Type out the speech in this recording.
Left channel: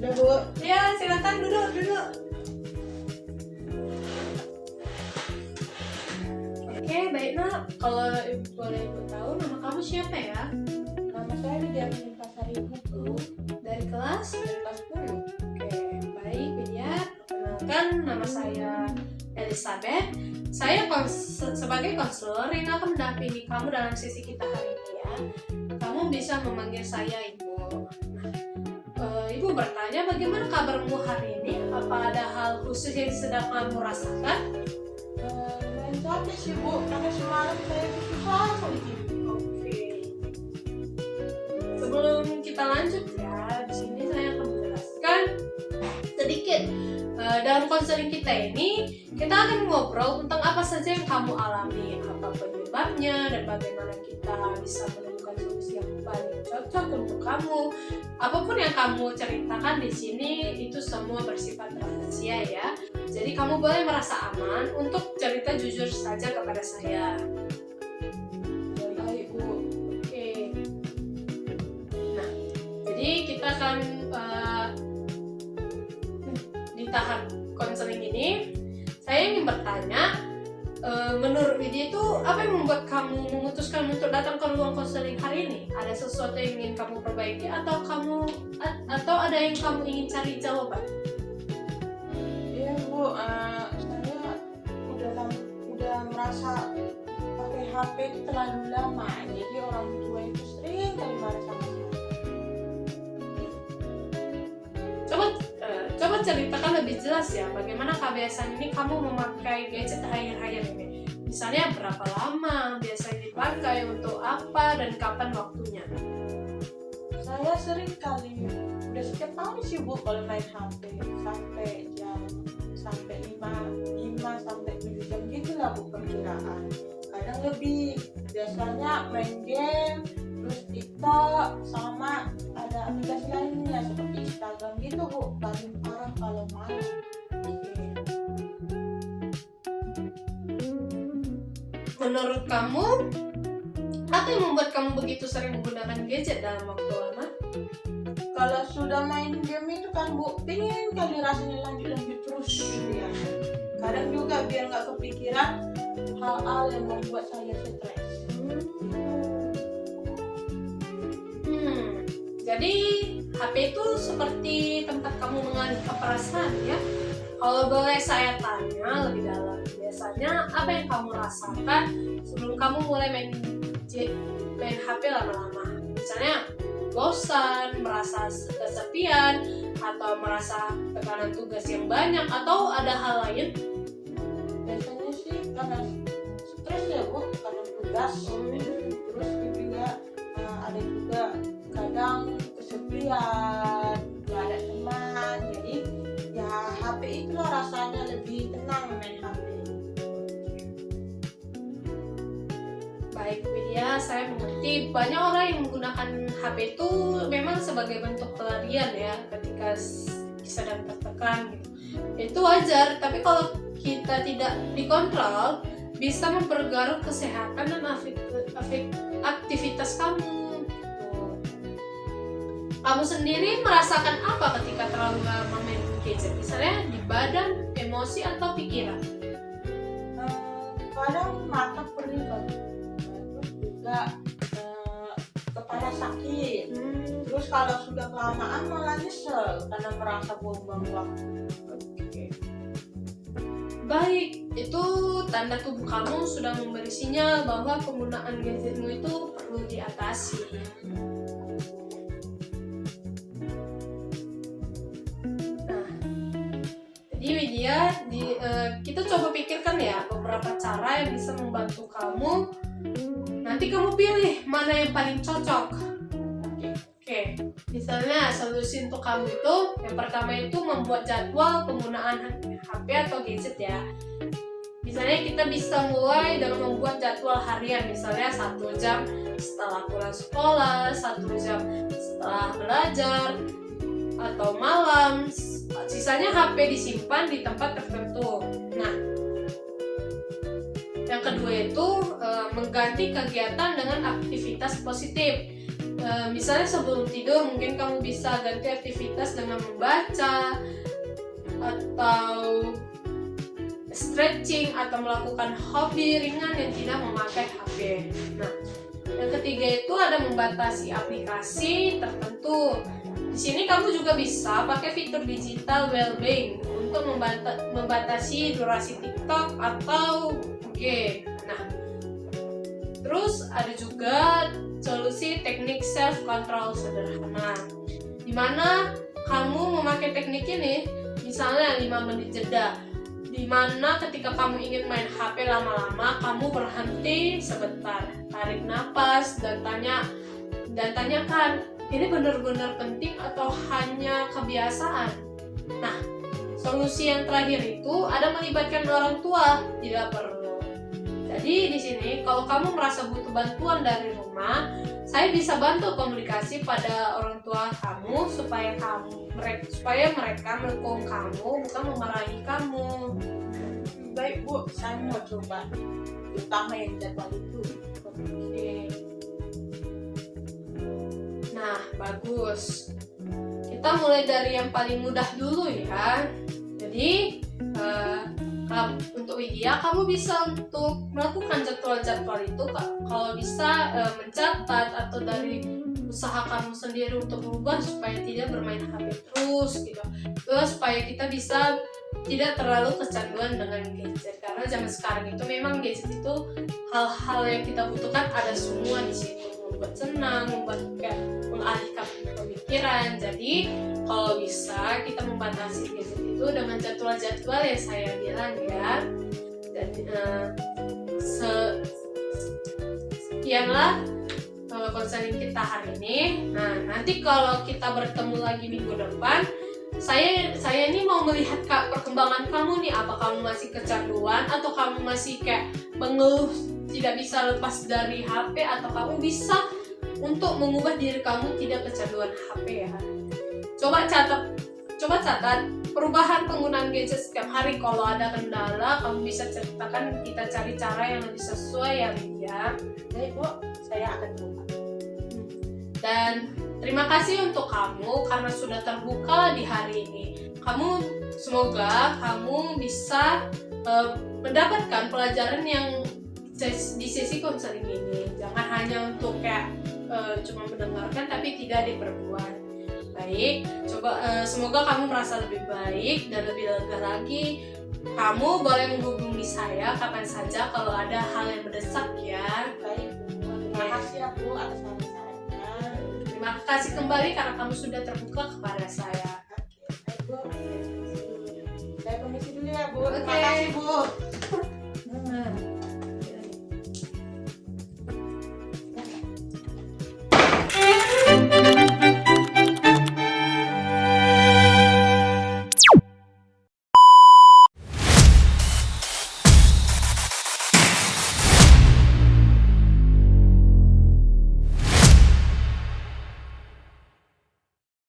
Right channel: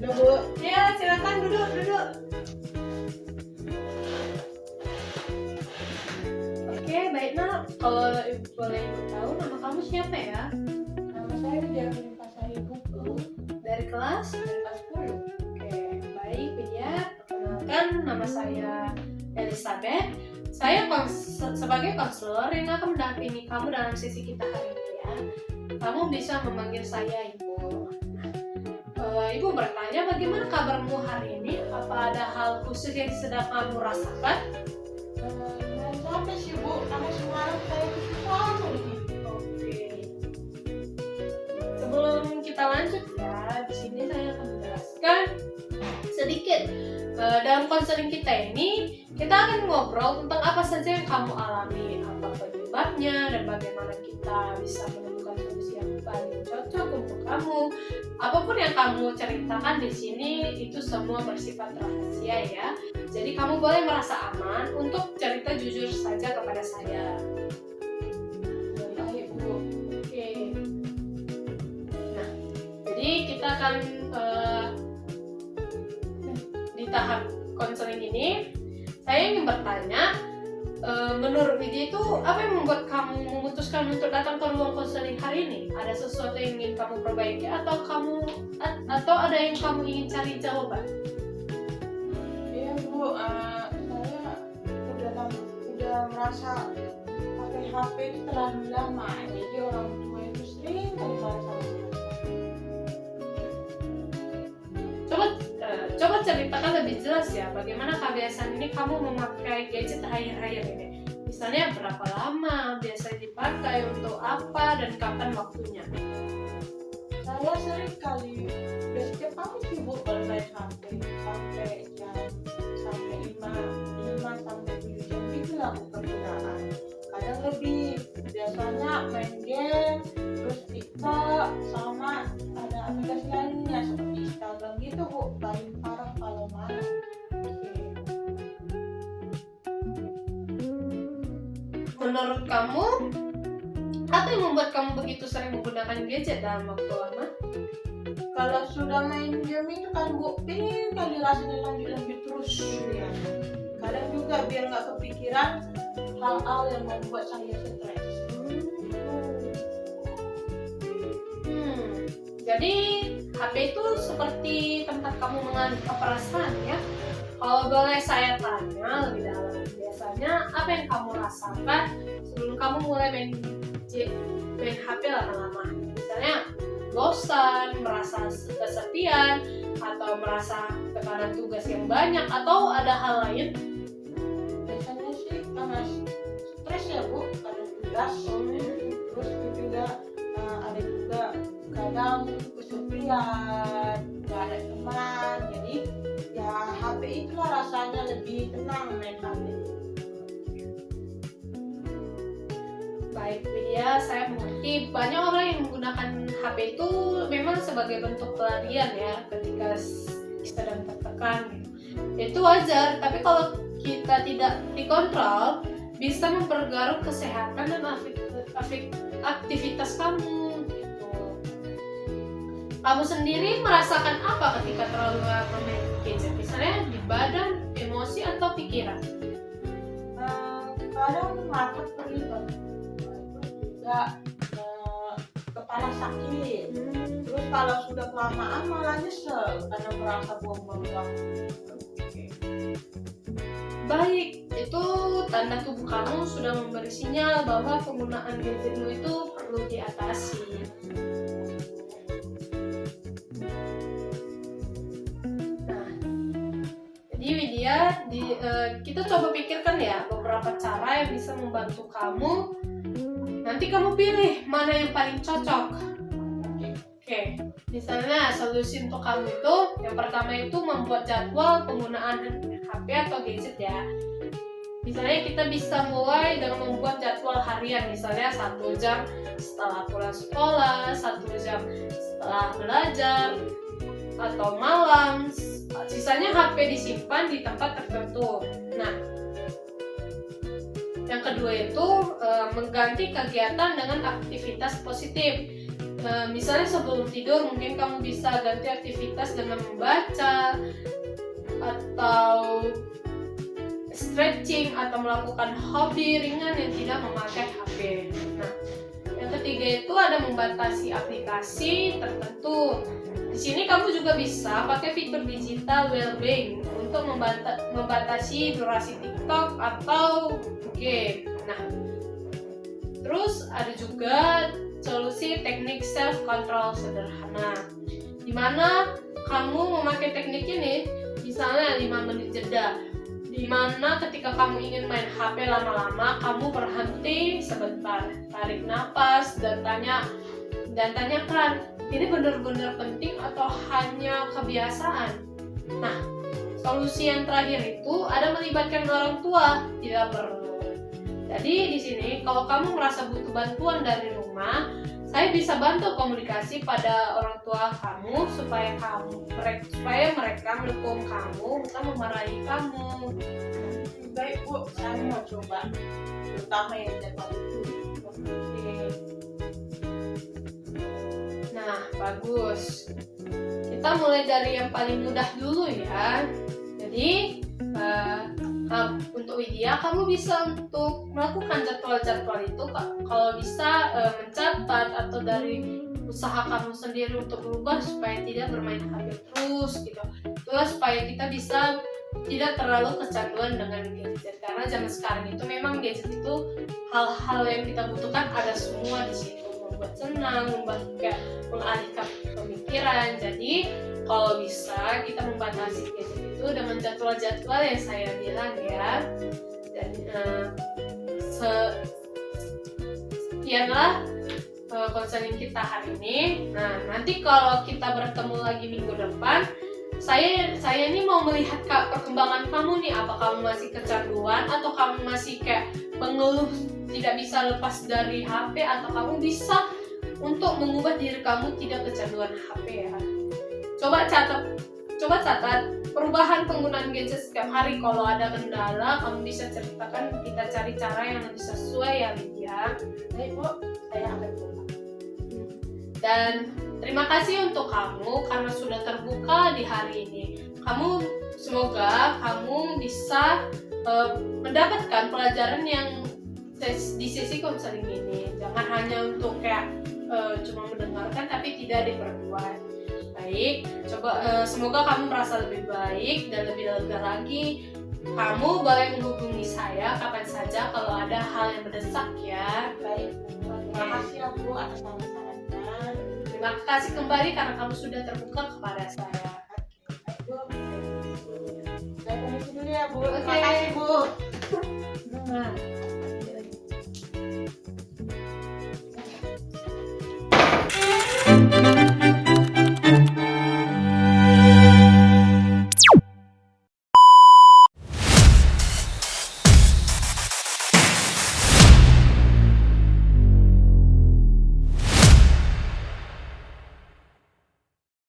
Udah Bu. Ya, silakan duduk. Oke, baik nak. Kalau boleh ibu tahu nama kamu siapa ya? Nama saya Dijamin Pasar Ibu Bu. Dari kelas? Dari kelas 10. Oke, baik Widya. Perkenalkan, nama saya Elizabeth. Saya sebagai konselor yang akan mendampingi kamu dalam sesi kita hari ini ya. Kamu bisa memanggil saya Ibu. Ibu bertanya, bagaimana kabarmu hari ini? Apa ada hal khusus yang sedang kamu rasakan? Main capek sih Bu, karena semalam saya susah sekali tidur. Oke. Sebelum kita lanjut ya, di sini saya akan menjelaskan sedikit. Dalam konseling kita ini, kita akan ngobrol tentang apa saja yang kamu alami, apa penyebabnya, dan bagaimana kita bisa menemukan solusi yang paling cocok untuk kamu. Apapun yang kamu ceritakan di sini itu semua bersifat rahasia ya. Jadi kamu boleh merasa aman untuk cerita jujur saja kepada saya. Baik Bu. Oke. Nah, jadi kita akan di tahap konseling ini, saya ingin bertanya, menurut Widya itu apa yang membuat kamu memutuskan untuk datang ke ruang konseling hari ini? Ada sesuatu yang ingin kamu perbaiki atau ada yang kamu ingin cari jawaban? Iya Bu, saya udah merasa pakai HP itu terlalu lama. Jadi orang tua itu sering kali marah sama saya. Coba ceritakan lebih jelas ya, bagaimana kebiasaan ini kamu memakai gadget akhir-akhir ini? Misalnya berapa lama biasanya dipakai, untuk apa, dan kapan waktunya? Saya sering kali, udah setiap hari sih Bu kalau main HP sampai 5 sampai 7 jam gitu lah Bu perkiraan. Kadang lebih, biasanya main game, terus TikTok, sama ada aplikasi lainnya seperti Instagram gitu Bu, paling parah kalau malam. Menurut kamu, apa yang membuat kamu begitu sering menggunakan gadget dalam waktu lama? Kalau sudah main game itu kan Bu, pengen kali rasanya lanjut terus ya. Kadang juga biar nggak kepikiran hal-hal yang membuat saya stres. Jadi HP itu seperti tempat kamu mengalihkan perasaan ya. Kalau boleh saya tanya lebih dalam, biasanya apa yang kamu rasakan sebelum kamu mulai main HP lama-lama? Misalnya bosan, merasa kesepian, atau merasa tekanan tugas yang banyak, atau ada hal lain? Biasanya sih karena stres ya Bu, karena tugas. Terus juga ada juga kadang kesepian, gak ada teman. Jadi ya HP itulah rasanya lebih tenang main HP. Baik Widya, saya mengerti banyak orang yang menggunakan HP itu memang sebagai bentuk pelarian ya ketika sedang tertekan gitu. Itu wajar, tapi kalau kita tidak dikontrol bisa memperkeruh kesehatan dan aktivitas kamu gitu. Kamu sendiri merasakan apa ketika terlalu lama main gadget? Misalnya di badan, emosi, atau pikiran? Kadang mata perih, terus juga kepala sakit. Terus kalau sudah kelamaan malah nyesel karena merasa buang-buang waktu. Baik, itu tanda tubuh kamu sudah memberi sinyal bahwa penggunaan gadgetmu itu perlu diatasi. Nah, jadi Widya, kita coba pikirkan ya beberapa cara yang bisa membantu kamu. Nanti kamu pilih mana yang paling cocok. Oke, misalnya solusi untuk kamu itu yang pertama itu membuat jadwal penggunaan HP atau gadget ya. Misalnya kita bisa mulai dengan membuat jadwal harian, misalnya 1 jam setelah pulang sekolah, 1 jam setelah belajar, atau malam. Sisanya HP disimpan di tempat tertentu. Nah, yang kedua itu mengganti kegiatan dengan aktivitas positif. Misalnya sebelum tidur mungkin kamu bisa ganti aktivitas dengan membaca atau stretching atau melakukan hobi ringan yang tidak memakai HP. Nah, yang ketiga itu ada membatasi aplikasi tertentu. Di sini kamu juga bisa pakai fitur digital well-being untuk membatasi durasi TikTok atau game. Nah, terus ada juga solusi teknik self control sederhana, di mana kamu memakai teknik ini misalnya 5 menit jeda, di mana ketika kamu ingin main HP lama-lama, kamu berhenti sebentar, tarik nafas dan tanyakan, ini benar-benar penting atau hanya kebiasaan? Nah, solusi yang terakhir itu ada melibatkan orang tua, tidak perlu. Jadi di sini kalau kamu merasa butuh bantuan dari rumah, saya bisa bantu komunikasi pada orang tua kamu supaya mereka mendukung kamu, bukan memarahi kamu. Baik Bu, saya mau coba, terutama yang jadwal itu. Oke. Nah, bagus. Kita mulai dari yang paling mudah dulu ya. Jadi untuk Widya, kamu bisa untuk melakukan jadwal-jadwal itu kalau bisa mencatat atau dari usaha kamu sendiri untuk berubah supaya tidak bermain HP terus gitu. Terus supaya kita bisa tidak terlalu kecanduan dengan gadget, karena zaman sekarang itu memang gadget itu hal-hal yang kita butuhkan ada semua di situ, membuat senang, membuat kayak mengalihkan pemikiran. Jadi kalau bisa kita membatasi gadget itu dengan jadwal-jadwal yang saya bilang ya. Dan sekianlah konseling kita hari ini. Nah, nanti kalau kita bertemu lagi minggu depan, saya ini mau melihat perkembangan kamu nih, apa kamu masih kecanduan atau kamu masih kayak mengeluh tidak bisa lepas dari HP, atau kamu bisa untuk mengubah diri kamu tidak kecanduan HP ya. Coba catat perubahan penggunaan gadget setiap hari. Kalau ada kendala, kamu bisa ceritakan, kita cari cara yang lebih sesuai ya Widya. Baik Bu, saya akan coba. Dan terima kasih untuk kamu karena sudah terbuka di hari ini. Semoga kamu bisa mendapatkan pelajaran yang di sesi konseling ini. Jangan hanya untuk kayak cuma mendengarkan tapi tidak diperbuat. Baik, semoga kamu merasa lebih baik dan lebih lega lagi. Kamu boleh menghubungi saya kapan saja kalau ada hal yang mendesak ya. Baik Bu, terima kasih ya Bu atas saran-sarannya. Terima kasih kembali karena kamu sudah terbuka kepada saya. Baik Bu, saya permisi dulu ya Bu. Terima Oke. kasih Bu. Nah.